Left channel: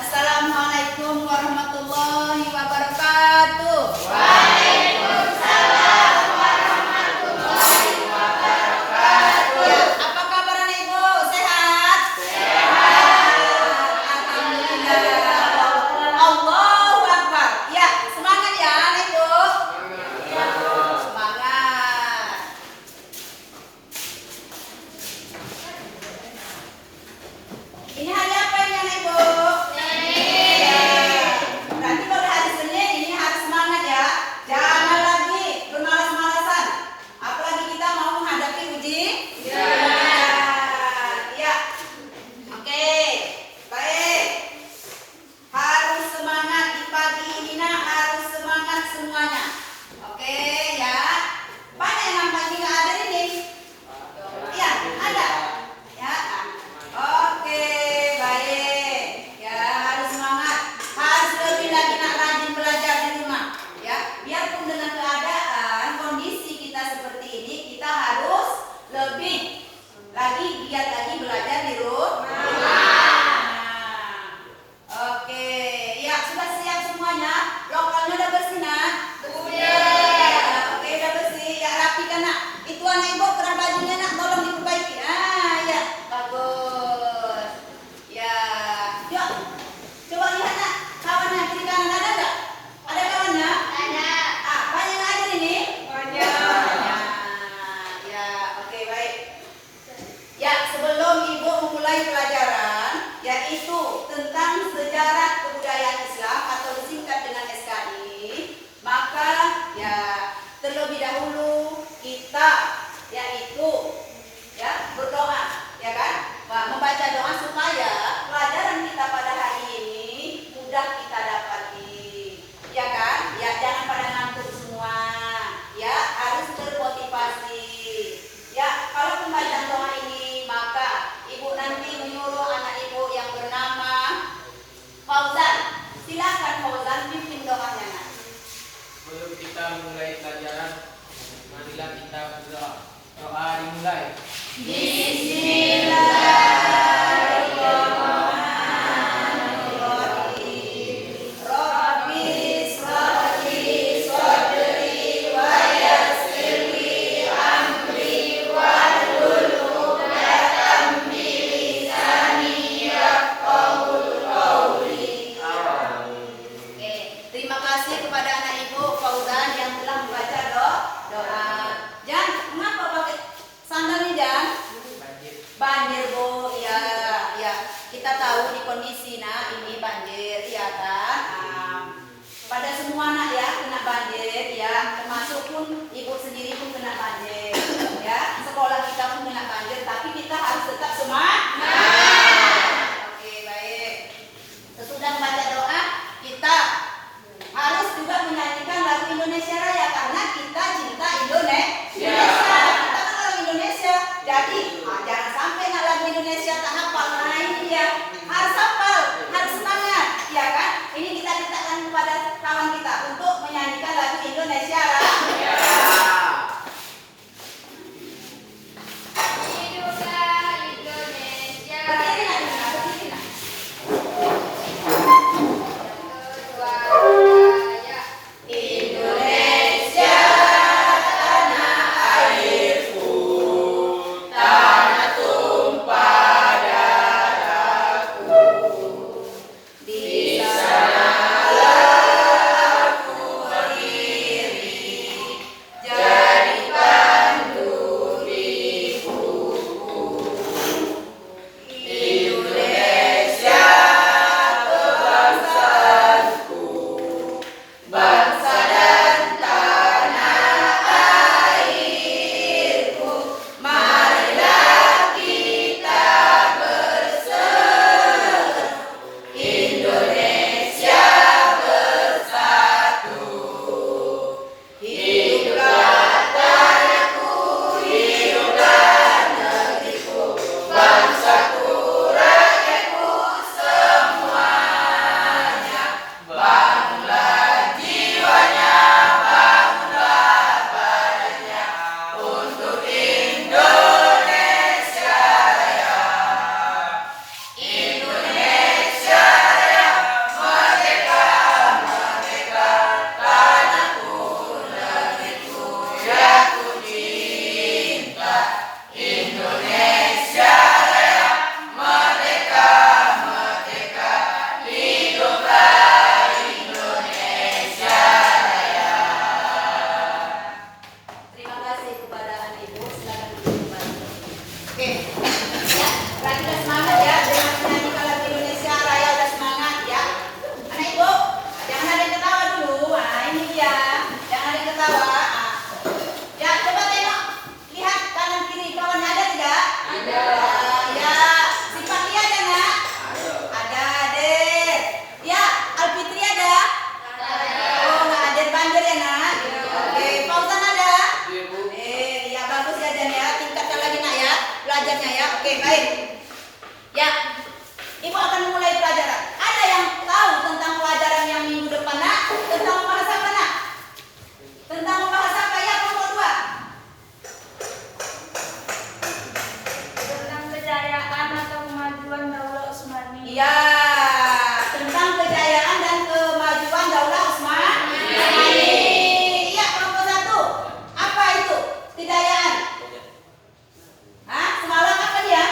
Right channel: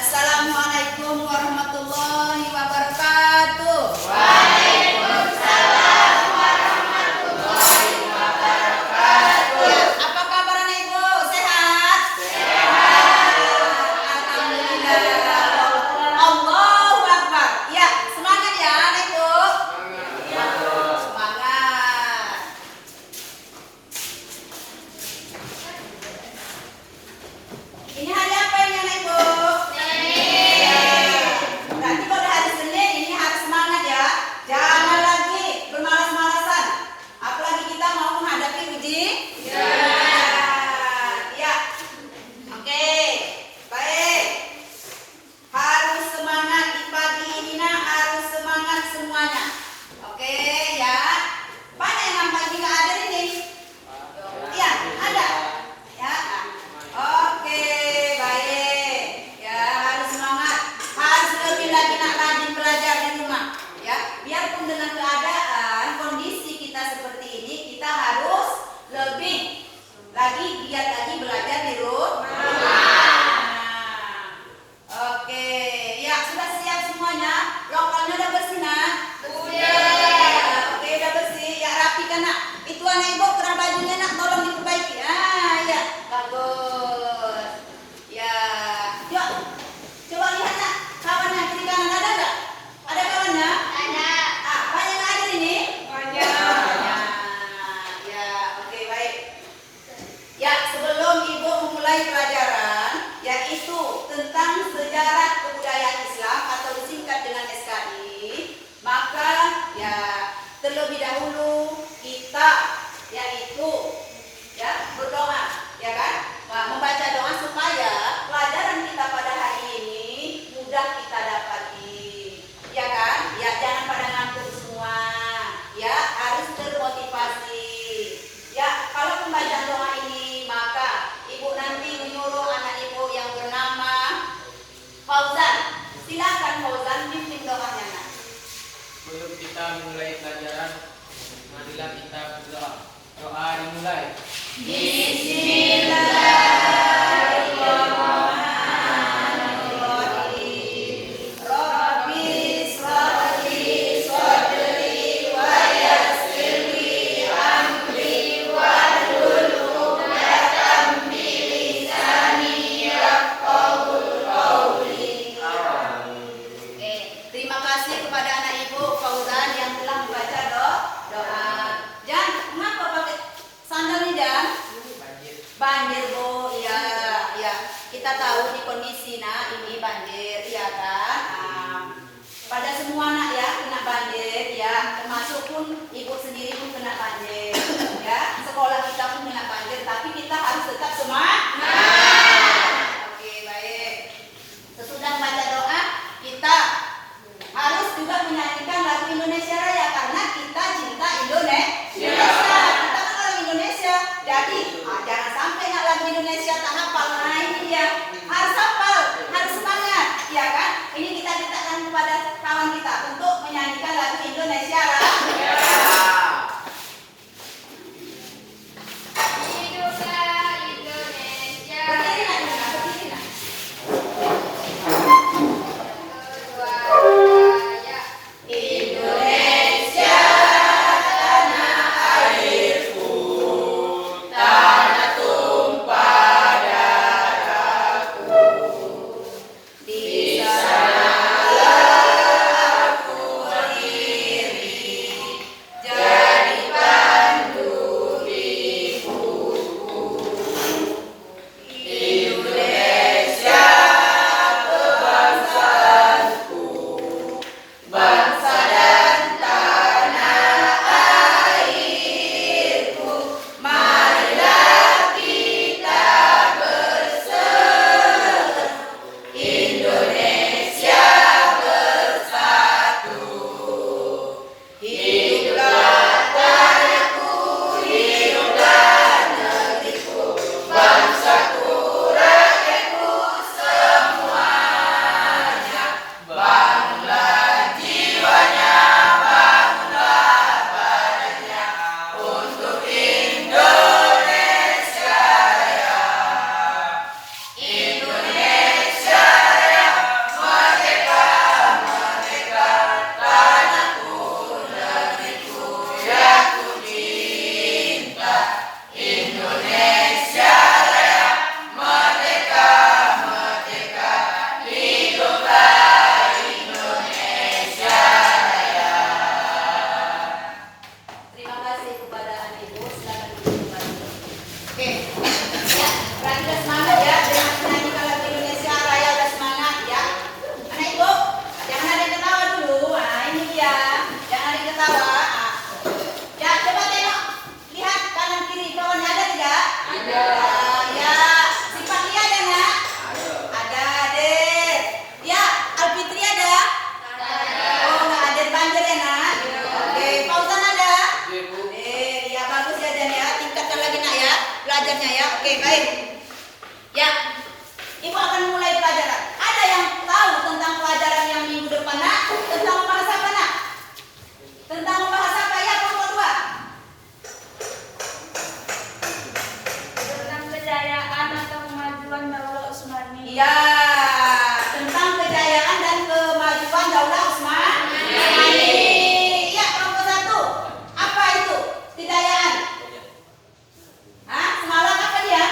Assalamualaikum warahmatullahi wabarakatuh. Waalaikumsalam warahmatullahi wabarakatuh. Ya, apa kabar anak ibu? Sehat? Sehat. Alhamdulillah. Allahu Akbar. Ya, semangat ya anak ibu. Semangat. Ini hari apa ini anak ibu? Nanti kalau hari Senin ini hari semangat ya. Jangan lagi bermalas-malasan. Apalagi kita mau menghadapi ujian. Ya. Oke. Baik. Harus semangat di pagi ini nak, harus semangat semuanya. Oke ya. Banyak yang pagi nggak ada ini. Iya, ada. Ya. Oke, baik. Ya, harus semangat. Harus lebih lagi nak rajin belajar di rumah. Ya, biarpun dengan keadaan kondisi kita seperti ini, kita harus lebih lagi giat lagi belajar di rumah. Oke, ya sudah siap semuanya. Lokalnya udah bersih nak? Sudah. Oke, udah bersih. Ya rapikan nak. Itu anak ibu kurang bajunya nak, tolong diperbaiki. Ya, bagus. Ya, yuk. Coba lihat nak, kawannya kiri kanan ada nggak? Ada kawannya? Ada. Banyak yang ada ini? Banyak. Ya, oke baik. Ya, sebelum ibu memulai pelajaran, yaitu tentang sejarah kebudayaan Islam atau disingkat dengan SKI, maka ya terlebih dahulu kita yaitu ya berdoa, ya kan? Membaca doa supaya pelajaran kita pada hari ini mudah kita dapati, ya kan? Ya jangan pada ngantuk semua, ya harus termotivasi. Ya kalau pembacaan doa ini maka ibu nanti menyuruh anak ibu yang bernama Fauzan. Silakan Fauzan pimpin doanya nak. Sebelum kita mulai pelajaran, marilah kita berdoa. Doa dimulai. Terima kasih kepada anak ibu Fauzan yang telah membaca doa. Jan, kenapa pakai sandal ini Jan? Banjir bu, ya. Kita tahu di kondisi nak ini banjir, ya kan? Pada semua anak ya kena banjir, ya. Termasuk pun ibu sendiri pun kena banjir, ya. Sekolah kita pun kena banjir, tapi kita harus tetap semangat. Oke, baik. Sesudah membaca doa, kita harus juga menyanyikan lagu Indonesia Raya karena kita cinta Indonesia. Kita kan orang Indonesia. Jadi jangan sampai nak lagu Indonesia tak hafal. Nah ini dia harus hafal, harus semangat, ya kan? Ini kita ciptakan kepada kawan kita untuk menyanyikan lagu Indonesia Raya. Berdiri nak, berdiri nak. Indonesia tanah airku, tanah tumpah darahku. Di sanalah aku berdiri, jadi pandu diriku. Indonesia Ibu akan mulai pelajaran. Ada yang tahu tentang pelajaran yang minggu depan, nak? Tentang membahas apa, nak? Tentang membahas apa ya, kelompok 2? Tentang kejayaan atau kemajuan Daulah Utsmani. Iya, tentang kejayaan dan kemajuan Daulah Utsmani. Iya, kelompok 1. Apa itu kejayaan? Hah? Semalam apa dia?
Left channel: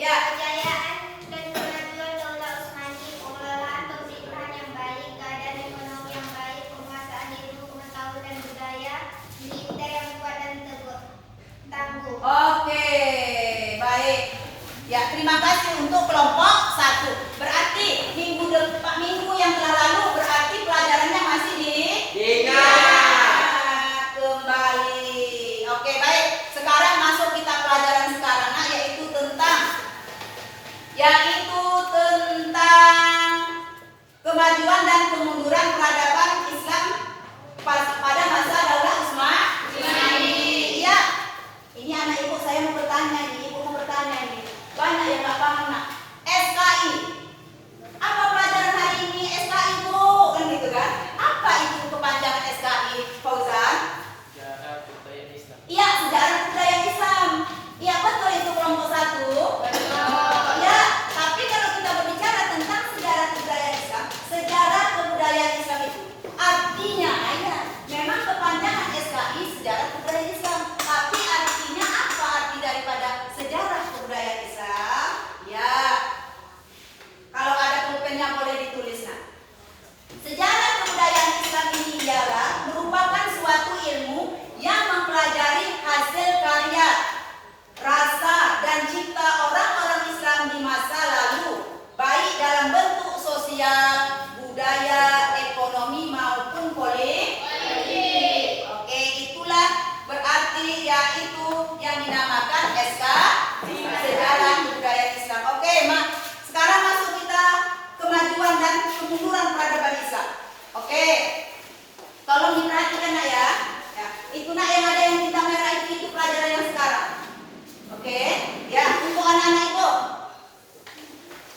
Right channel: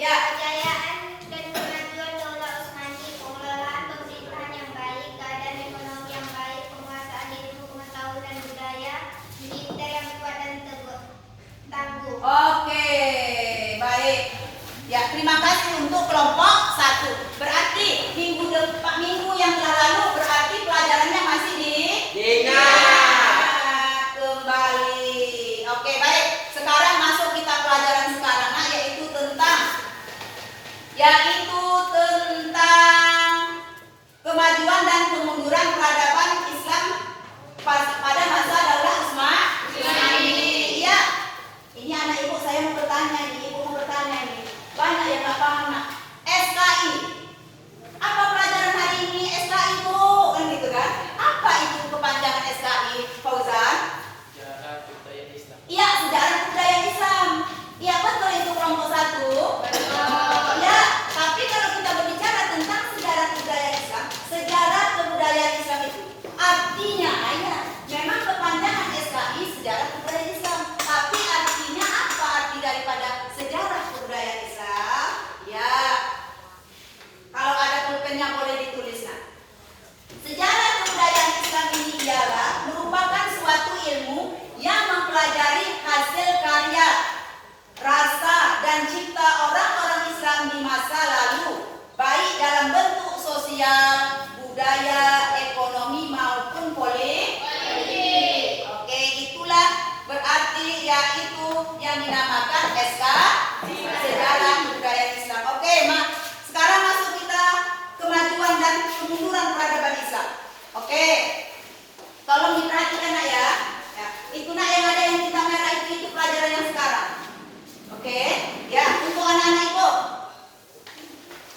Ya. Kejayaan dan kemajuan Daulah Utsmani, pengelolaan pemerintahan yang baik, keadaan ekonomi yang baik, penguasaan ilmu, pengetahuan dan budaya, militer yang kuat dan tangguh. Oke, baik. Ya, terima kasih untuk kelompok 1. Berarti minggu yang telah lalu berarti pelajarannya masih diingat kembali. Oke, baik. Sekarang masuk kita pelajaran sekarang, yaitu tentang kemajuan dan kemunduran peradaban Islam pada masa Daulah Utsmani. Iya. Ini anak ibu saya mau bertanya ini, ibu mau bertanya ini. Banyak yang nggak paham, nak. SKI. Apa pelajaran hari ini SKI, Bu? Kan gitu kan? Apa itu kepanjangan SKI, Fauzan? Sejarah budaya Islam. Iya, sejarah budaya Islam. Iya, betul itu kelompok 1. Ya, tapi kalau kita berbicara tentang sejarah budaya Islam, sejarah kebudayaan Islam itu artinya, ya, memang kepanjangan SKI sejarah kebudayaan Islam. Tapi artinya apa arti daripada sejarah kebudayaan Islam? Ya, kalau ada pulpennya boleh ditulis, nah. Sejarah kebudayaan Islam ini ialah merupakan suatu ilmu yang mempelajari hasil karya, rasa, dan cipta orang-orang Islam di masa lalu, baik dalam bentuk sosial, budaya, ekonomi maupun politik. Oke, itulah berarti yaitu yang dinamakan SKI, sejarah budaya Islam. Oke, Mak. Sekarang masuk kita kemajuan dan kemunduran peradaban Islam. Oke. Tolong diperhatikan, nak, ya. Ya, itu, nak, yang ada yang kita merah itu pelajaran yang sekarang. Oke, ya, untuk anak-anak ibu.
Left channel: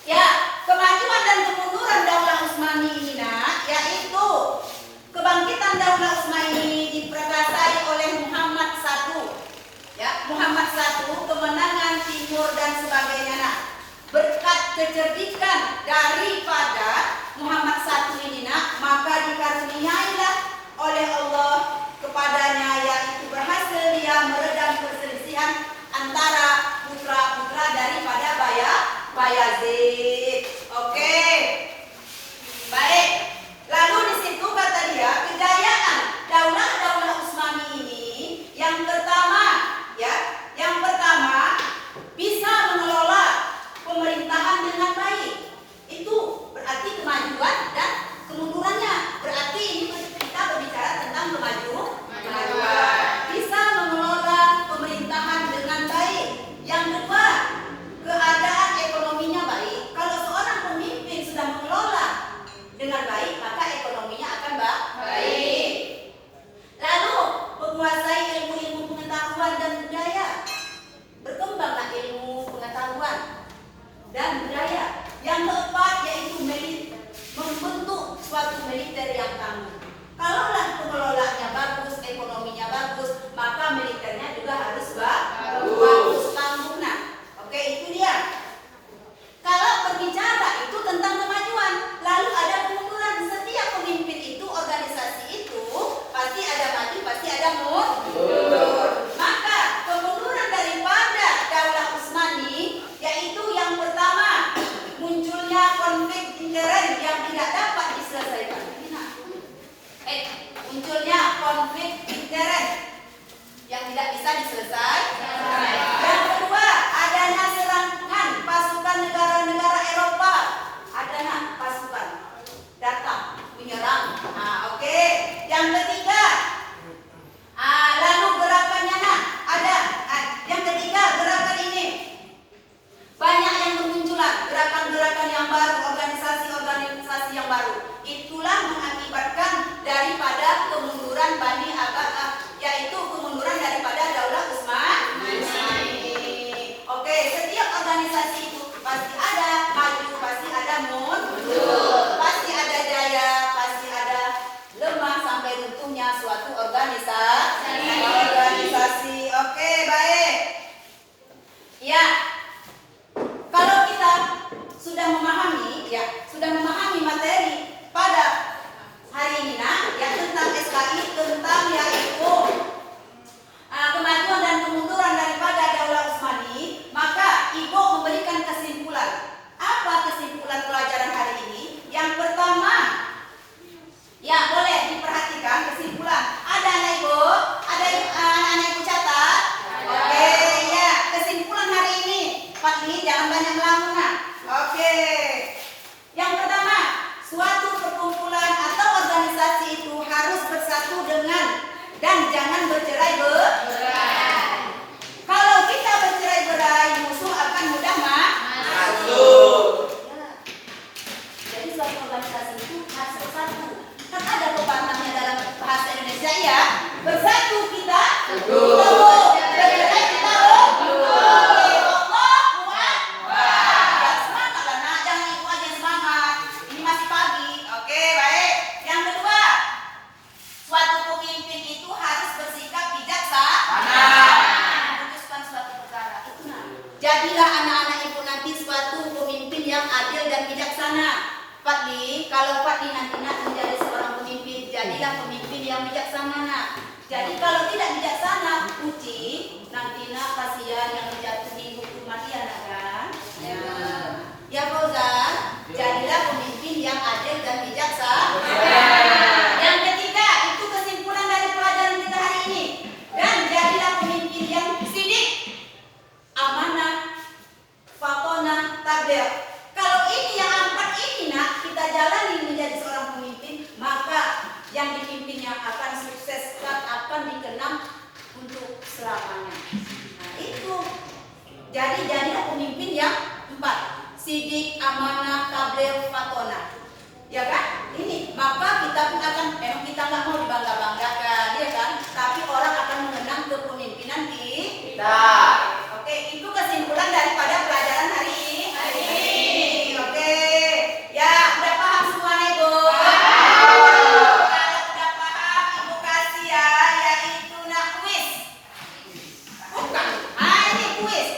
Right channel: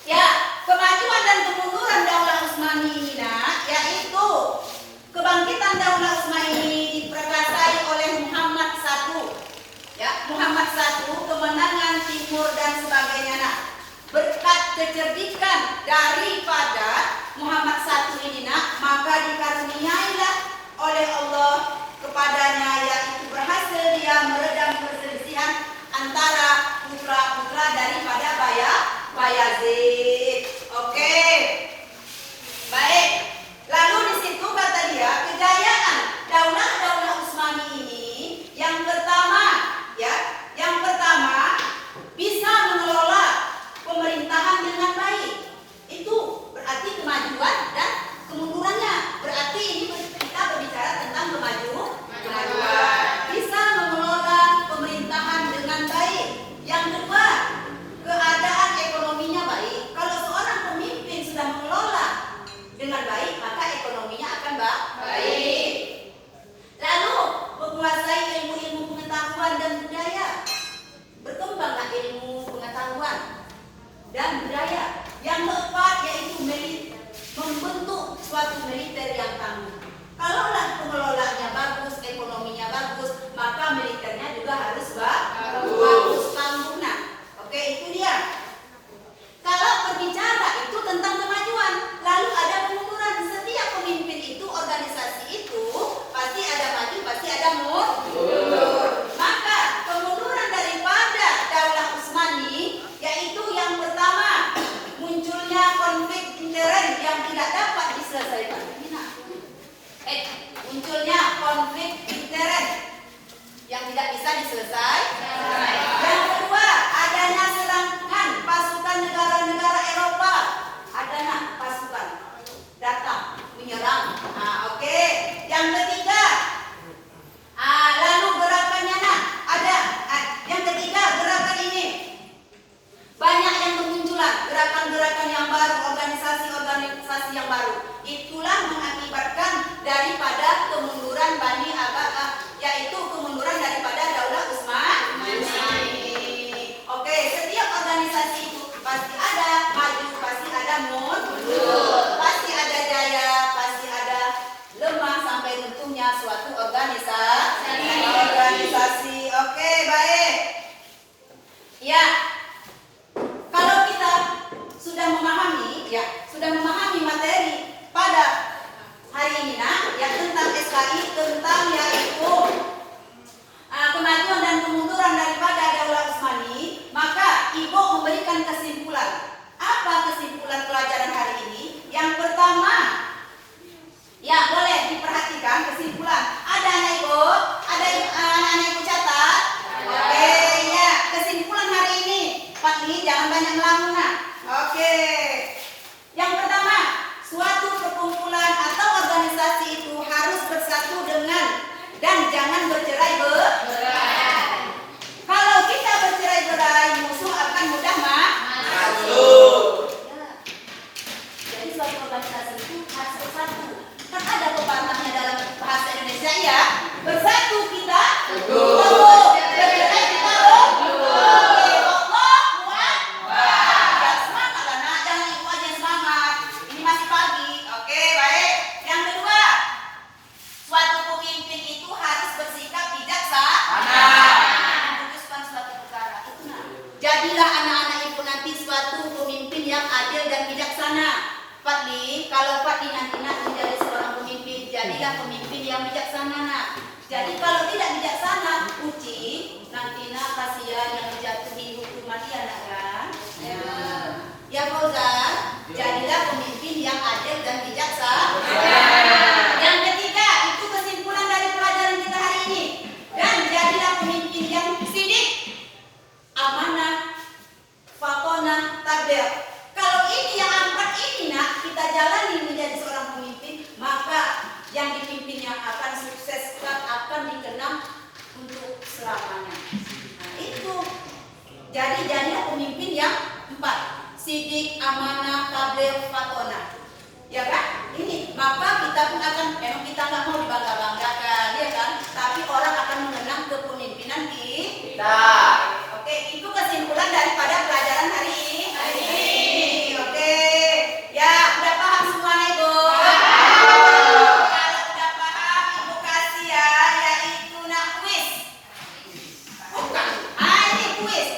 Ya, kemajuan dan kemunduran Daulah Utsmani ini, nak, yaitu kebangkitan Daulah Utsmani ini diperkasai oleh Muhammad I. Ya, Muhammad I, kemenangan timur dan sebagainya, nak. Berkat kecerdikan daripada Muhammad I ini, nak, maka dikaruniailah oleh Allah kepadanya, yaitu berhasil dia meredam perselisihan antara putra-putra daripada Bayazid. Oke. Baik. Lalu di situ kata dia, kejayaan Daulah Utsmani ini yang pertama bisa mengelola pemerintahan dengan baik. Itu berarti kemajuan dan kemundurannya. Berarti ini kita berbicara tentang kemajuan. Bisa mengelola pemerintahan dengan baik. Yang kedua, keadaan ekonominya baik. Kalau seorang pemimpin sudah mengelola dengan baik, maka ekonominya akan baik. Lalu, menguasai ilmu-ilmu pengetahuan dan budaya. Berkembanglah ilmu pengetahuan dan budaya. pasti ada maju, pasti ada mundur, pasti ada jaya, pasti ada lemah sampai runtuhnya suatu organisasi. Oke, baik. Ya, kalau kita sudah memahami materi pada hari ini ya tentang SKI, tentang yaitu kemajuan dan kemunduran daripada Daulah Utsmani, maka Ibu memberikan kesimpulan. Apa kesimpulan pelajaran hari ini? Yang pertama, ya boleh diperhatikan kesimpulan. Ada anak Ibu? Ada anak Ibu catat? Oke, ya kesimpulan hari ini. Pak Li, jangan banyak melamun. Oke. Yang pertama, suatu perkumpulan atau organisasi itu harus bersatu dengan dan jangan bercerai-berai. Kalau kita bercerai-berai, musuh akan mudah masuk. Jadi suatu organisasi itu harus bersatu. Kan ada pepatahnya dalam bahasa Indonesia ya. Bersatu kita teguh, bercerai kita jadilah anak-anak Ibu nanti suatu pemimpin yang adil dan bijaksana. Pak Li, kalau Pak Li nanti menjadi seorang pemimpin, jadilah pemimpin yang bijaksana. Jadi kalau tidak bijaksana, uji nantinya kasihan yang menjatuhi hukum mati anak kan. Ya Fauzan, jadilah pemimpin yang adil dan bijaksana. Yang ketiga, itu kesimpulan dari pelajaran kita hari ini. Dan jadilah pemimpin yang sidik, amanah, fatonah, tabel. Kalau ini yang empat ini kita jalani menjadi seorang pemimpin, maka yang dipimpinnya akan sukses dan akan dikenang untuk selamanya. Nah itu. Jadi jadilah pemimpin yang empat: sidik, amanah, tabel, fatonah. Ya kan? Ini maka kita pun akan, memang kita nggak mau dibangga-banggakan, ya kan? Tapi orang akan mengenang kepemimpinan kita. Oke, itu kesimpulan daripada pelajaran hari ini. Oke, ya udah paham semuanya Ibu? Kalau udah paham, Ibu kasih ya, yaitu kuis. Bukan, ini kuis,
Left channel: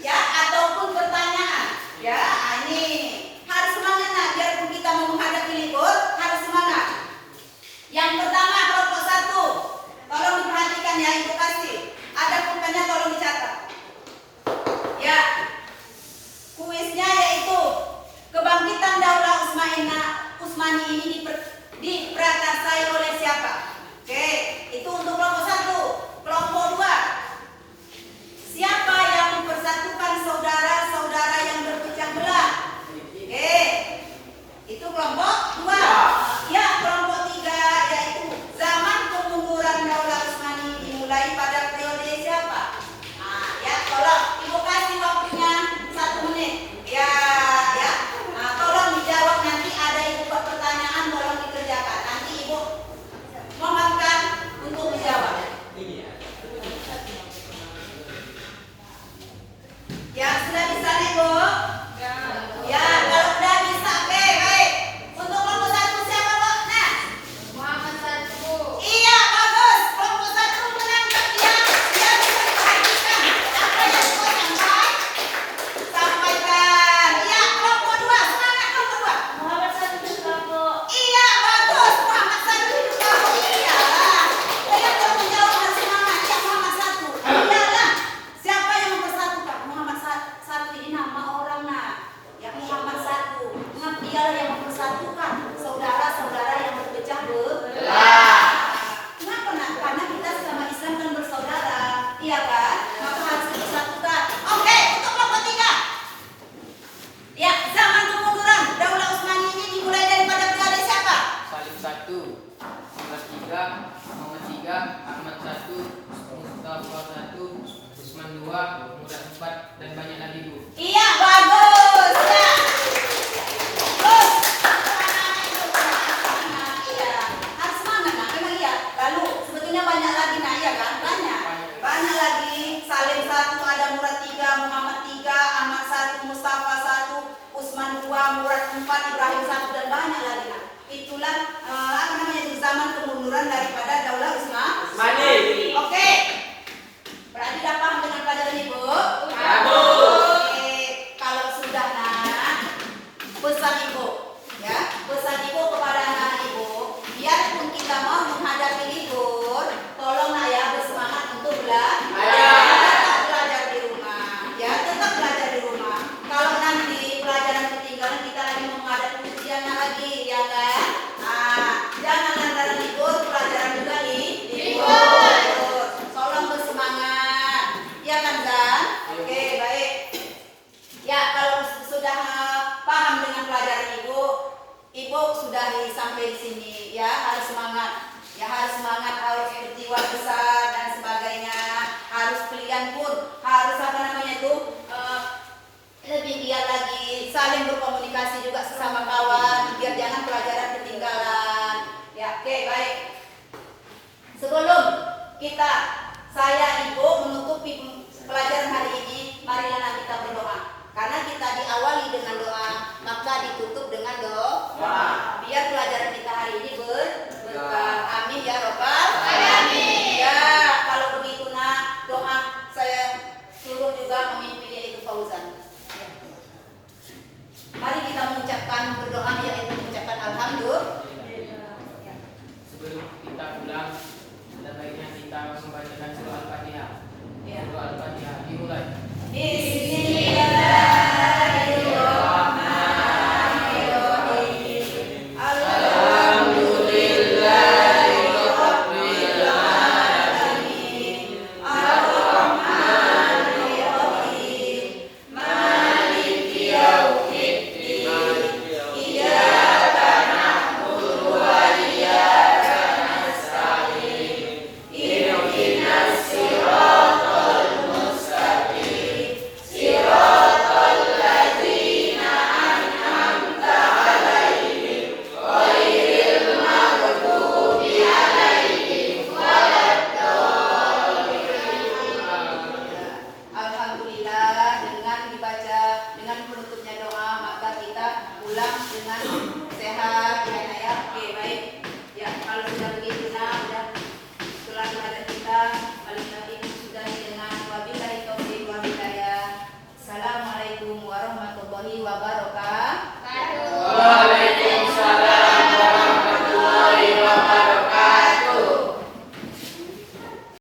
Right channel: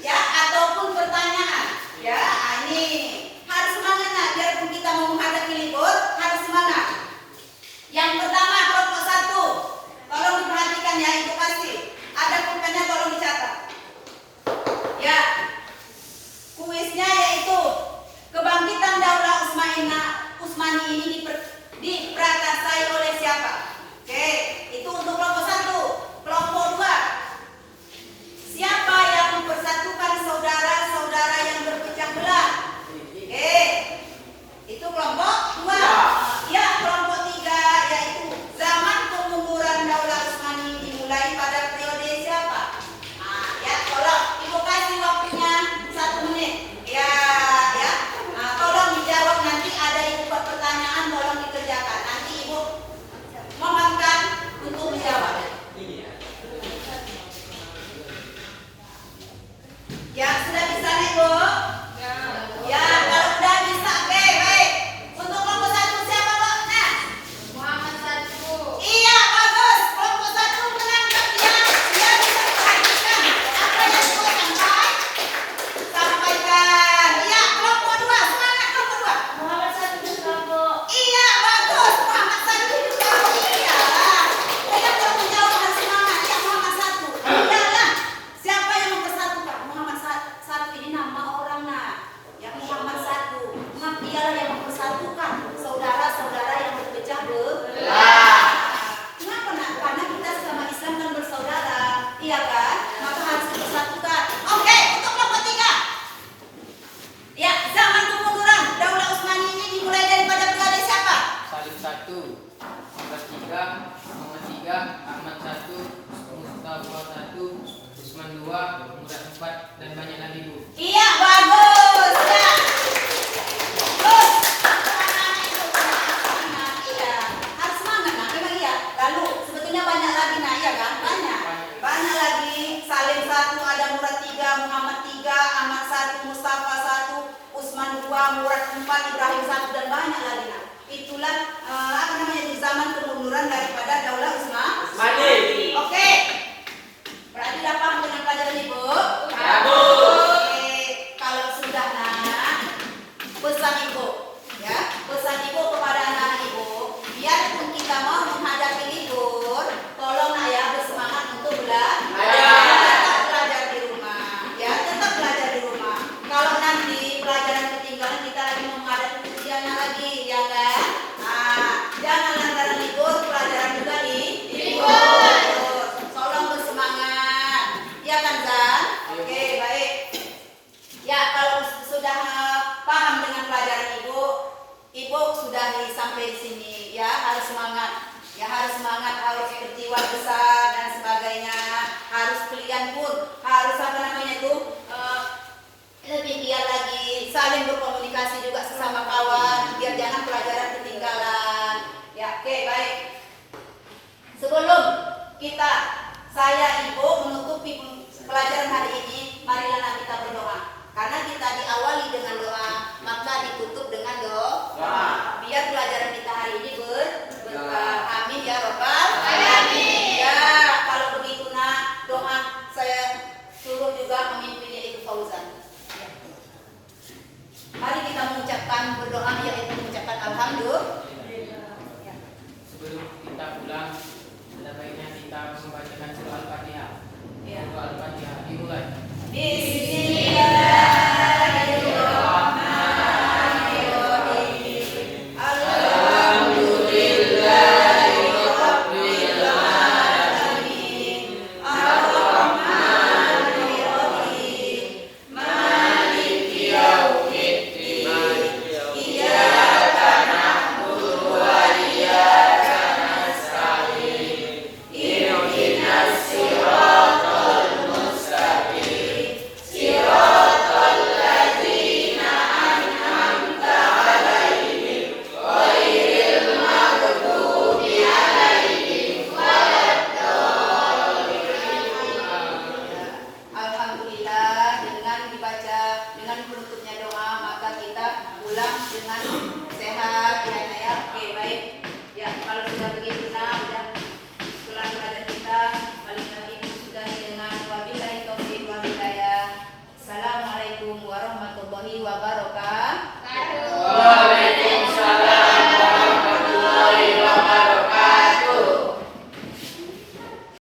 ya ataupun pertanyaan, ya ini harus semangat biarpun kita mau menghadapi libur, harus semangat. Yang pertama kelompok 1, tolong diperhatikan ya Ibu kasih. Ada pulpennya tolong dicatat. Ya, kuisnya yaitu kebangkitan Daulah Utsmani ini diprakarsai oleh siapa? Oke, itu untuk kelompok 1. Kelompok 2, siapa yang mempersatukan saudara-saudara yang berpecah belah? Oke, itu kelompok 2. Ya, kelompok 3 yaitu zaman kemunduran Daulah Utsmani dimulai pada periode siapa? Ya, tolong Ibu kasih waktunya 1 menit. Ya. Tolong dijawab, nanti ada Ibu buat pertanyaan, tolong dikerjakan. Nanti Ibu Imran 2, Murad 4, Ibrahim 1 dan banyak lagi. Nak. Itulah di zaman kemunduran daripada Daulah Utsmani. Oke. Berarti dapat punya pelajaran Ibu? Oke. Kalau sudah nak, pesan Ibu, ya, pesan Ibu kepada anak Ibu, biarpun kita mau menghadapi libur, tolong ya bersemangat untuk belajar di rumah, ya tetap belajar di rumah. Kalau nanti pelajaran ketinggalan kita akan menghadapi ujian lagi, ya kan? Jangan antara libur pelajaran juga libur. Tolong bersemangat, ya kan Zan? Oke baik. Ya kalau sudah paham dengan pelajaran Ibu sudah sampai sini, ya harus semangat. Ya harus semangat, harus berjiwa besar dan sebagainya. Harus pilihan pun, harus lebih giat lagi, saling berkomunikasi juga sesama kawan, biar jangan pelajaran ketinggalan. Ya, oke baik. Sebelum saya Ibu menutupi pelajaran hari ini, marilah kita berdoa.